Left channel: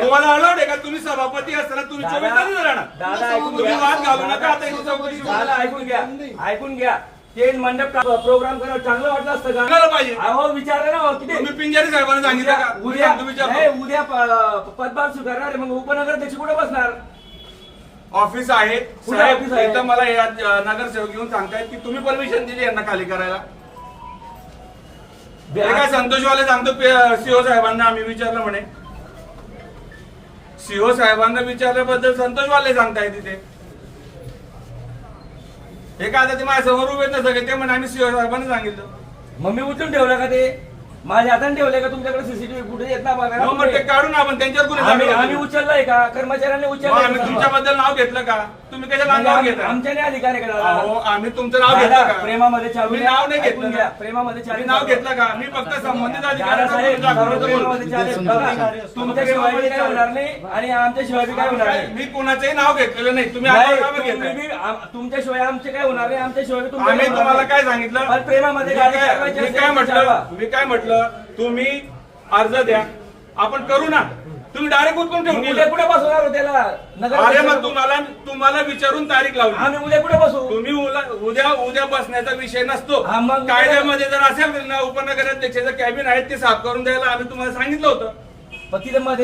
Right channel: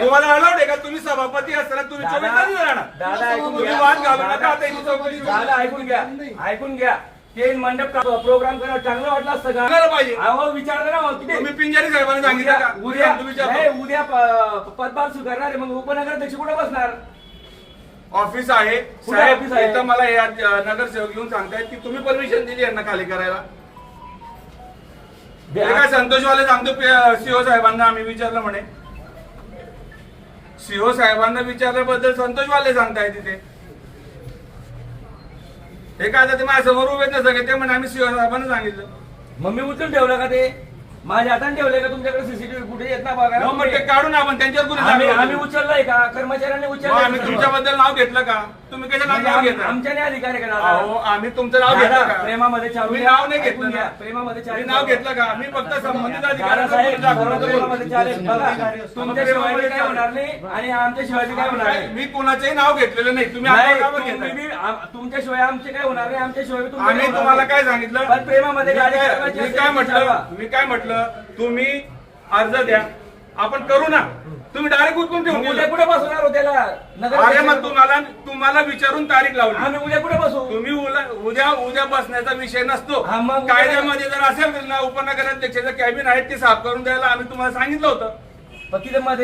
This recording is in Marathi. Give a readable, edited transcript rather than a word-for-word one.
घ्या. तुम्हाला अलाउड आहे का? तुम्ही सभापती असताना तुम्ही 24 तास राहणार. दादा ऐकून तुम्ही घ्या. वाद घालू नका. आता इथे चौकशी करू. दादा ऐकून घ्या, ऐकून घ्या. ते मंडप प्रोग्राम करावं चांगलं वाटलं असतं का? करायला पाहिजे. अहो विचारलं ना किती तुम्ही पिंजारी साहेबांना सांगितलं का? उद्या तुम्ही विचारतो. नाही, उद्या पदभार स्वीकारणार आहे, मग उपनगराध्यक्ष कुठे बसणार? ऑफिस आहे कुठे साहेब, ऑफिस आहे? इथं मला या नगरसेवक येऊन सांगतायत की तुम्ही परमिशन दिली यांना खाली करायला. हे काय संतोषवाले सांगतो सीओ साहेबांना आम्ही विचारलं म्हणे. सीओ साहेबांना विचारल्याबद्दल संतोषवाले सांगताय तिथे. हे काय आता ते माझ्या समोर उभे नसतं की ते म्हणे आम्ही सीओ साहेबांना सांगितलं. मग मी उचलून ठेवलं का ते? माझ्या हाताने ठेवलंय का? तुमच्याकडे सीसीटीव्ही फुटेज येत ना बघा. मग ते काढून आपण त्यांच्यावर गुन्हे दाखल आम्ही करू. उचललंय का? कर्मचाऱ्यांनी मग उचललंय आम्ही का? तुमच्याबद्दल नाव घेतलं का? तुम्ही कशाला नाव घेता? आमच्याने अधिकार आहे का अहो, दादा? आम्ही तुमचं नाव घेतलं दादा, का? प्रेमामध्ये चालू मी द्या. नाव नाही ऐकून घेतलं घ्या. ना. प्रेमामध्ये मी चालू नाव द्या. घेतलं का? मी फक्त संबंधित दादा अधिकाऱ्यांना साहेब, बोलून दाखवतो. सर्व प्रेमामध्ये चालेल. बघा, तुमच्याशिवाय बी काय होणार नाही आणि आमच्याशिवाय बी काय होणार नाही. मी कोणाचंही नाव घेतलेलं नाही. तुम्ही नाही, आता कामं तुम्ही घेताय. बी तुमच्याशिवाय आमचे काय होणार नाही, आमच्याशिवाय बी आम्ही तुमच्या तुम्हाला काय सांगितलं? पण प्रेमामध्ये गाडी मी चालवायची असेल काय तर म्हटलं? चालवा. मी काय म्हटलं? तुम्ही अर्ज द्या, आपण करू ना. तुम्ही डायरेक्ट उठून ठेवून उद्या गेले. कुठे बसवणार हो त्याला? अरे मग नगर तुम्हाला विचारून तारीख लावली. आम्ही उद्या कुठे बसू? तुम्ही उद्या बसण्याचा विषय नसतो. हा, मग उद्या- कायद्यामध्ये जर असेल ना उपनगराध्यक्षाचं कॅबिन आहे ते साफ करून द्यायला आम्ही तुम्हाला सांगितलं होतं. पण तिथे मध्ये